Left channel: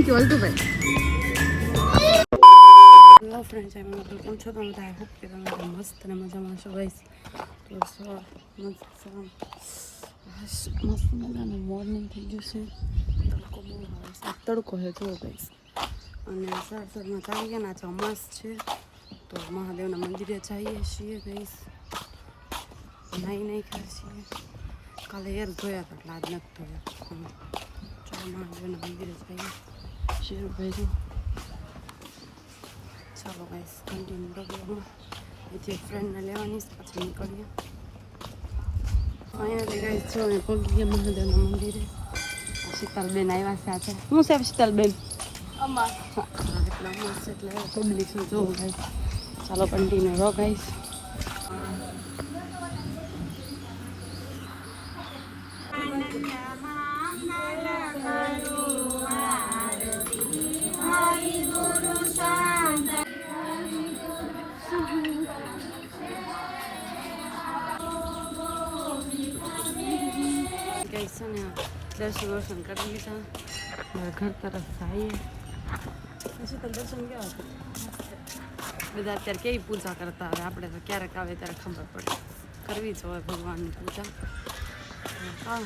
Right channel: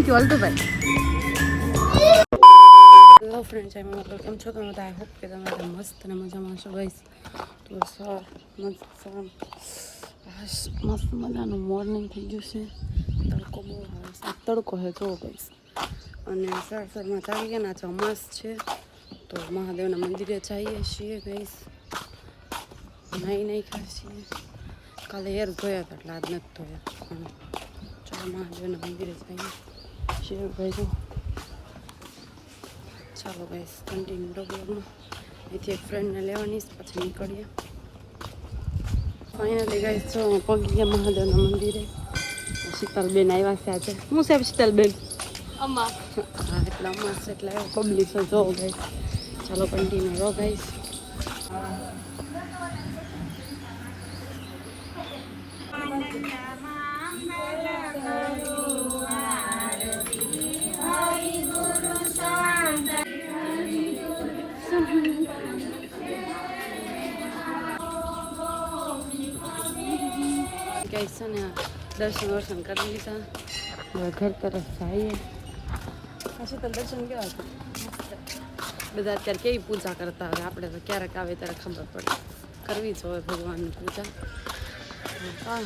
Thank you અલ્ટુભાઈ. Hello friends, કેમ છો તમે બધા? આઈ હોપ કે તમે બધા મસ્ત અને મજામાં છો ગાઈસ. તો સર મસ્ત મજાનું મોર્નિંગ થઈ ગયું છે. તડકો બહુ આવે છે, તડકો છે જો ગાઈસ. અને સરમાં જાગી ગયા ના છે, અમાસ છે તો મહાદેવના મંદિરે જઈએ છીએ ગાઈસ. નાઈ ખાસ છીએ. કાલે હેર ધોયા હતા એટલે આજ નથી ધોયા. પણ ચાલો મહાદેવના મંદિરે જઈએ છીએ ભાઈ. જો ચાલો ગાઈસ, કન્ટિન્યુ બ્લોગમાં. અહીંથી એક ફ્રેન્ડને લેવાની પછી નીકળીએ. ફાઇનલી ગાઈસ જો અહીં પહોંચી ગયા મહાદેવના મંદિરે. શીતલબેન આવ્યા છે આજે. શું છે શીતલબેન? અમાસ. હા એટલે અમાસ એટલે પબ્લિક છે જો ગાઈસ. ચાલો કન્ટિન્યુ રહો ગાઈસ. ગાઈસ છે ને દર્શન કરી લીધા. હવે ઘર તરફ આવીએ. પછી તો દર્શન કેવા હતા બધા. અત્યારે કેવી પૂજા કરતા હોય. આપણે તો ક્યારેક આવે ત્યારે ખબર પડે. કરવી જ હોય ભગવાનની પૂજા. હા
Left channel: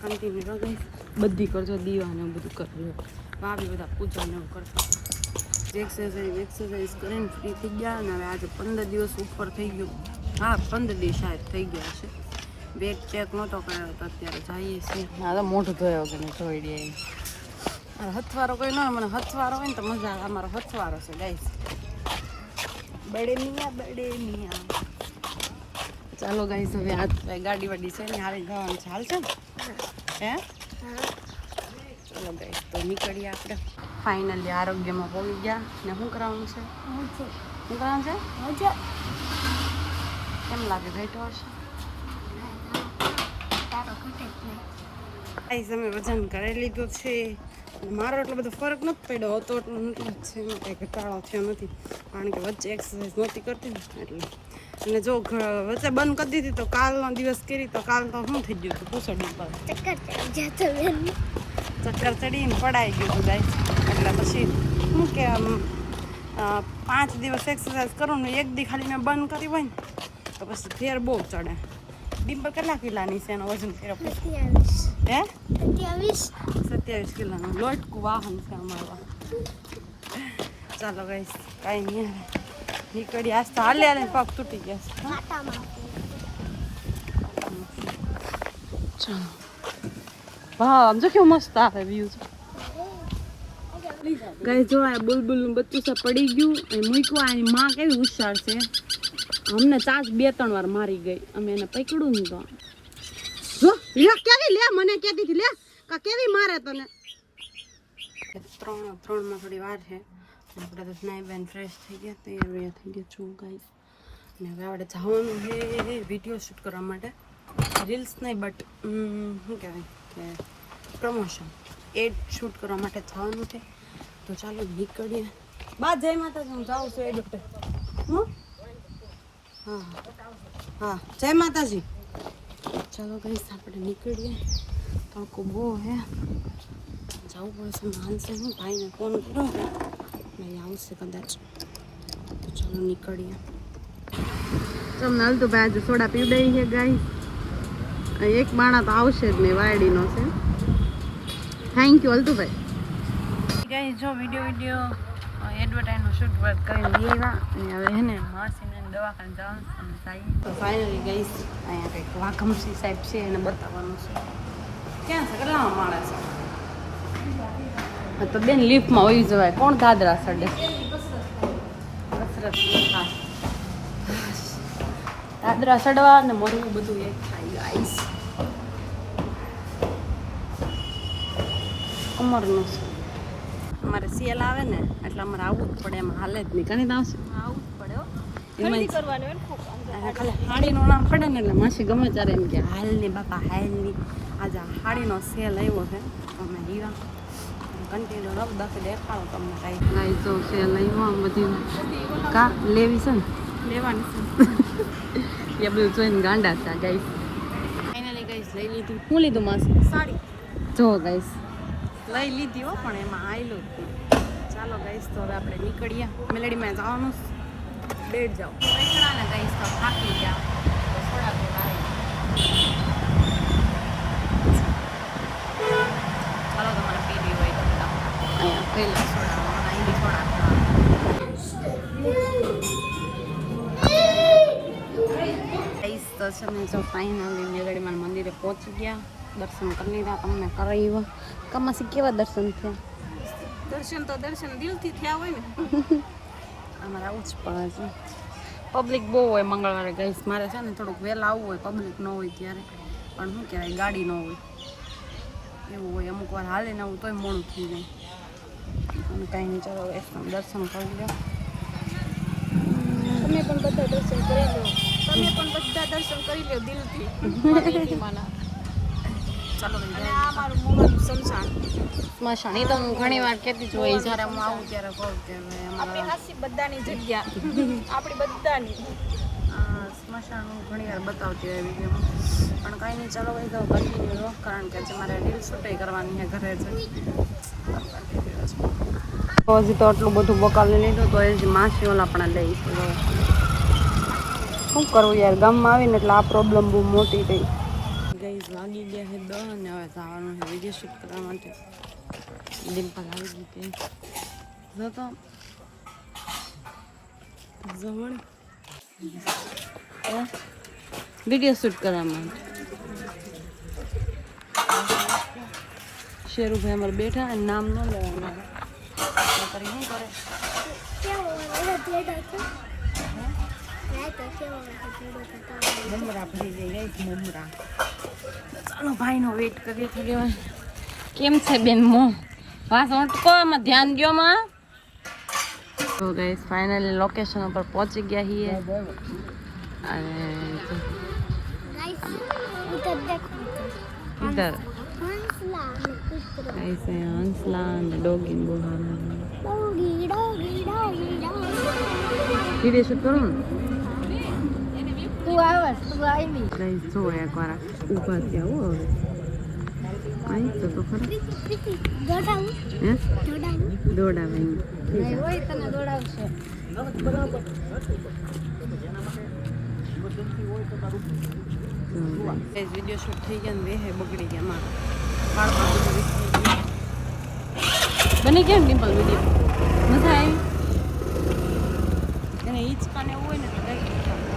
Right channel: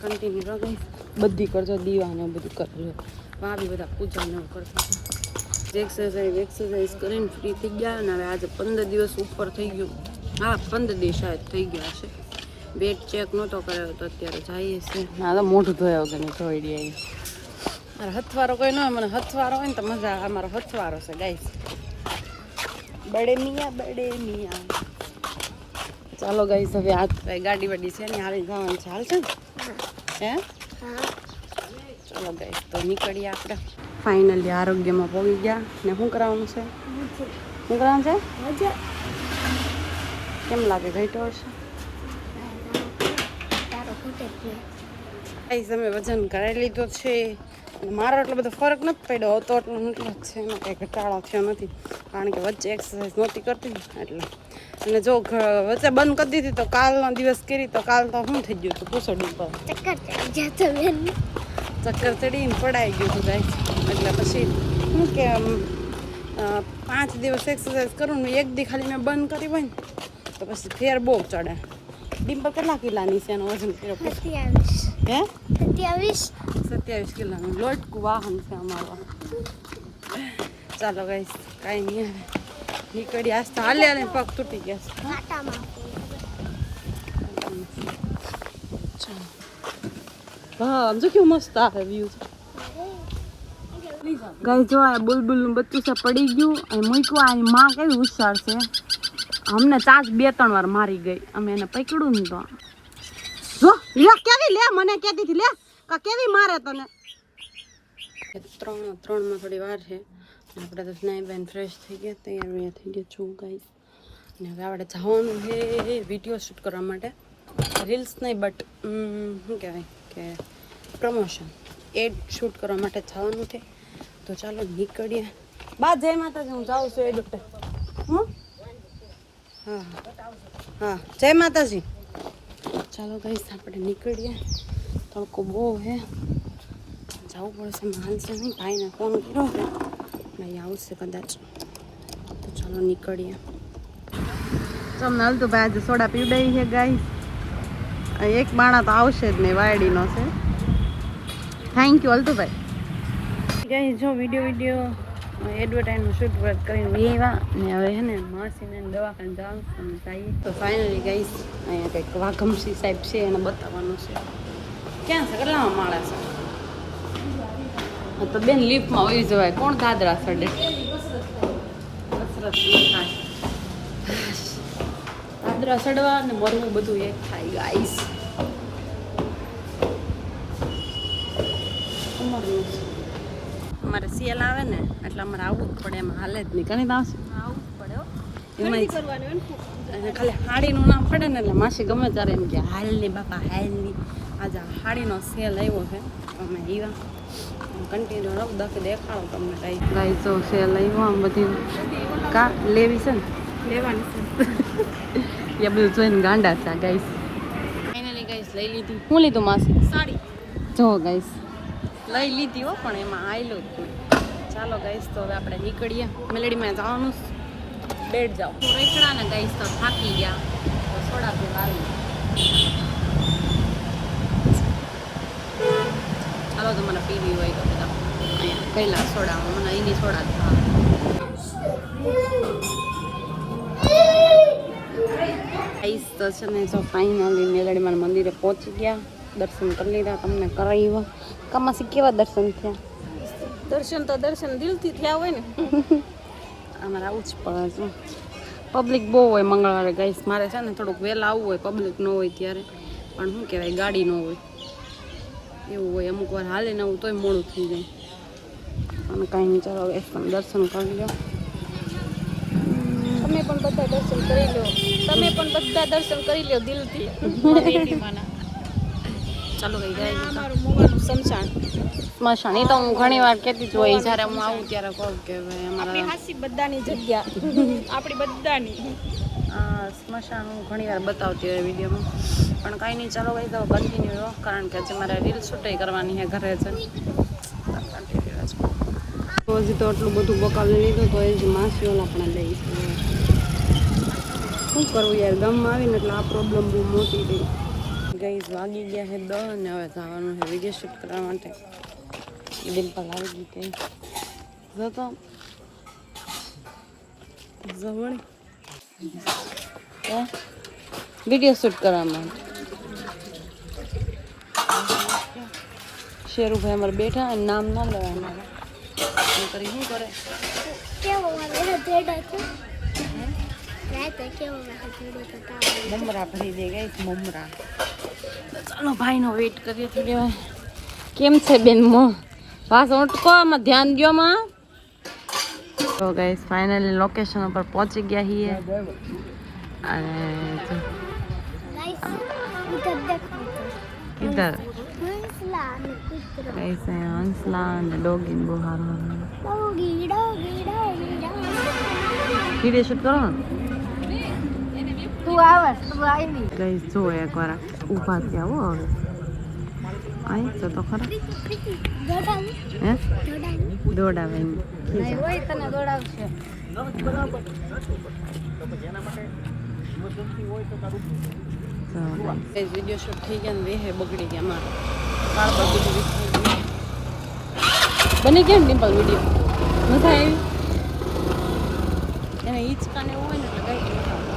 કન્ટિન્યુ રહો ગાઈસ. બધી કરજો, દીવાને બધું કરવું. આ બી બધા પૂજાને એવું કરતા હતા. એક્સરસાઇઝ કરીને ફ્રી થઈ ગયા. અને હવે આજે 15 દિવસ ઉપર થઈ ગયું. હા 15 દિવસ શાયદ થઈ ગયા છે. વેટ ચેક નહોતો કર્યો તો અત્યારે જઈએ છીએ. હા તો મોઢું ધોયા વગર જોઈ લઈએ. મારે હથવારો કોઈ ન હોય. મને હથવારો હોય ને તો મજા આવે. અમારો હથવારો છે ગાઈસ. બડે મિયા. ચાલો ગાઈસ, હવે આજ ગાડી વાડી છે ને આવી જવાનું છે. હાલ છે ને હે? ચાલો ગાઈસ તો નીકળીએ આપણે. ફાઇનલી આરોગ્યમાં પહોંચી ગયા. ને શું કરાવવાનું છે? શું કરાવવાનું છે? કેમ લાગે ઘટ્યો હશે? અમે વજન કરાવી લીધો છે. મારો એટલો બધો ફરક નથી પડ્યો હતો. એટલો નથી જ છે. એમાં કંઈ ઘટાડો થયો નથી. કારણ કે વચ્ચે એક્સરસાઇઝ નહોતી કરતી એટલે. અને જો વચ્ચે બંધ કરી દીધી તો કાલનો દિવસ કરી તો કાલ તો શું થઈ ગયું હતું? પૂછડ ઉપર ચક્કર ચડીને પડાઈ ગયું હતું ગાઈસ. એટલે પછી શું કે 5 દિવસ એક્સરસાઇઝ કરું ને એક દી ખાલી મેં બંધ કરી હોય ને તો પછી ફેર બહુ ચડે. ડિમ્પલ કેટલા કિલાની છે? એનો વજન કર્યો? 27 કિલોનું લોટકું વાહન છે અમારું. ચાલો ગાઈસ, કાંઈ નહીં આવે નીકળી. આજ તો હાલે પગ તૂટી ગયા છે. વાહ આમ જો કેવું મસ્ત આવે વ્યૂ છે ગાઈસ. જો આ બુલબુલનું બચ્ચું છે પડી ગયું અને મૂક્યું. આની માં કેવી હોશિયાર છે. અમને ચાંચ 2-3 વાર મારી ગઈ. અમે એને પકડ્યું ને તો જો કેવી લે મને કહેતી હતી લે કા કેવી મારે તને. 3માં થોડી વાર છે. આપણે તો સ્નાઈ બેન ફ્રેશ થઈ ગયા, તૈયાર થઈ ગયા છું ગાઈસ. અને હવે આપણે જવાનું છે વિડીયો શૂટ કરવા માટે. રીલ્સ નહીં બટ શું કહેવાય કે પ્રમોશન એડ શૂટ કરવા માટે જવાનું છે. તો ચાલો નીકળીએ. બા જય માતાજી. હું જાઉં છું એ દોટે. હા હા જય માતાજી. ચાલો ગાઈસ આપણે નીકળીએ. તડકો બહુ હે. જવું પડશે. માનશે નહીં. ભાઈને ફોન કર્યો છે ભાઈ આવશે કદાચ. તો ચાલો નીકળીએ. તમને હાલ તો ભાઈ આજે સોડા પીવડાવી છે ગાઈસ. એક માણા તો આવશે જ નહીં. વાયડીનો છે. થેન્ક યુ અલ્ટુભાઈ. ગાઈસ જો વિડીયો એડવર્ટાઈઝનું શૂટ કરીને લેવા ને હવે હે ને માસીને દવાખાને જવાનું છે. તો ફાઇનલી ગાઈસ અહીંયા કંઈક વાઘમસી સાહેબ છે એને બતાવવાનું છે. ક્યાં છે? કેટલામાં માળા છે? તો બેન લિફ્ટમાં વહી જવાય. કોણ દાદરા ચડે? કસરત થાય. દાદરા ચડવા ને મરવું બધું એક થાય ગાઈસ. કમરનું છે. અમારે સેલ આવે ને એટલે અમારે આવવું જ પડે. એમાં હાલે જ નહીં. ઘણી આવશે આવવું જ પડે. ખાલી હાડીનું નામ પડે ને એટલે માસી ગમે ત્યારે એમ કે હાલ ની બાપા હાલ ની. આજે હાડીનો સેલ આવ્યો છે. અમે એવા કન્ટિન્યુ રબ દેખાડો તમને કાંઈ જો સેલ આવ્યો. આમ બધી કા લેવી છે ને લેવાની છે. એ બધું જોઈને ગાંડા છે ગાઈસ. ફાઇનલી ગાઈસ લઈ લીધી. શું લીધું માસી? સાડી. જો ગાઈસ લઈ લીધી હો, પણ એમાં આવેલું હતું. ચાલો ગાઈસ, તો હવે આપણે નીકળીએ. મેલેડીમાં જવાનું બેડ જાઓ રેખડા ને ગાઈસ, તો થાકી ગયા તો સોડા તો લાવી. ચાલો તમારે પીવી હોય તો બધા અહીંયા પહેલાં સોડા, મને અહીંની સોડા ગાઈસ. તો છે ને જો ફાઇનલી મેલેડીમાં મંદિરે પહોંચી ગયા, દર્શન કરી લીધા, તમને કરાવ્યું. કમાસી કેવા દર્શન થયા? દર્શન તો દર્શન દિલથી થયા હોય ને. અમારે આવું જ પડે છે. પબ્લિક બહુ હોય મંગળવારે ગાઈસ. મારે છે ને થોડુંક વહેલા આવવું હોય, પબ્લિક ન હોય ત્યારે. પણ શું કહેવાય, ગાડી ન હોય એવું હોય. અમુક વાર હાલે ને આવું તોય મોડું થઈ જાય. અને કાંઈ નહીં, ચાલો ગાઈસ તમે દર્શન કરી લો. તમે પણ બધા દર્શન કરી લો. તમે પણ બધા દર્શન કરી લો દિલથી. ચાલો ભાઈ જાય. અમારું મોવાનું સમસાણ સ્મશાન એ તો હું ઘણી વાર કહેતી જ હોય, જ્યારે હું આવું ત્યારે કહું કે ભાઈ આપણી અમારા હાસી બધાની જગ્યા આપણી બધાની સ્મશાન હું ઘણી વાર બતાવતી હોય વિડીયોમાં. પણ કાંઈ નહીં, ચાલો ભાઈ તો કન્ટિન્યુ રહો, કારણ કે આજે મારે રીલ શૂટે કરવાની છે ઘરે છે. તો હજી તો આટલું બધું બકાલી લીધું તો હજી માસી ઓલા પણ લઈશું. શું કરવું યાર, ગામમાં આવીને એટલે આ પ્રોબ્લેમ બહુ મોટી થઈ ગઈ. વાગી ગયા છે 10 અને હવે જવાનું છે વિડીયો શૂટ કરવા માટે. ડિમ્પલ આવી ગઈ કઈ જતો જવળ વિડીયો શૂટ કરવા માટે. શેરુભાઈ અમારે બેઠા અને નામ ન લેવાનું. કરી શું કરે મમરા ભરી દે ગઈ મમરા. ચાલો ભાઈનો વેઇટ કરીએ થોડી વાર. કેમ છે બેન મો વાસ ઓટકો, આમાં ધ્યાન દો માં. તો ગાઈસ ફાઇનલી લોકેશન ઉપર પહોંચી ગયા છીએ. અને ગાઈસ હંસલા અને ડોગી બહુ સારું વિડીયો શૂટ કરો ને. ગાઈસ જો એકવાર ઊભા થયા હો. હવે અહીં તો ખરા હે દોડાવે વિડીયો શૂટ થઈ ગયા ને વેહે બગડી ગયા મારા વાળ પર બધું વીક થઈ ગયું. બની ગયા ને ડિમ્પલ વિડીયો મજા આવી એને હિંચકા ને એવું હોય ને એટલે ગાઈ મજા આવે.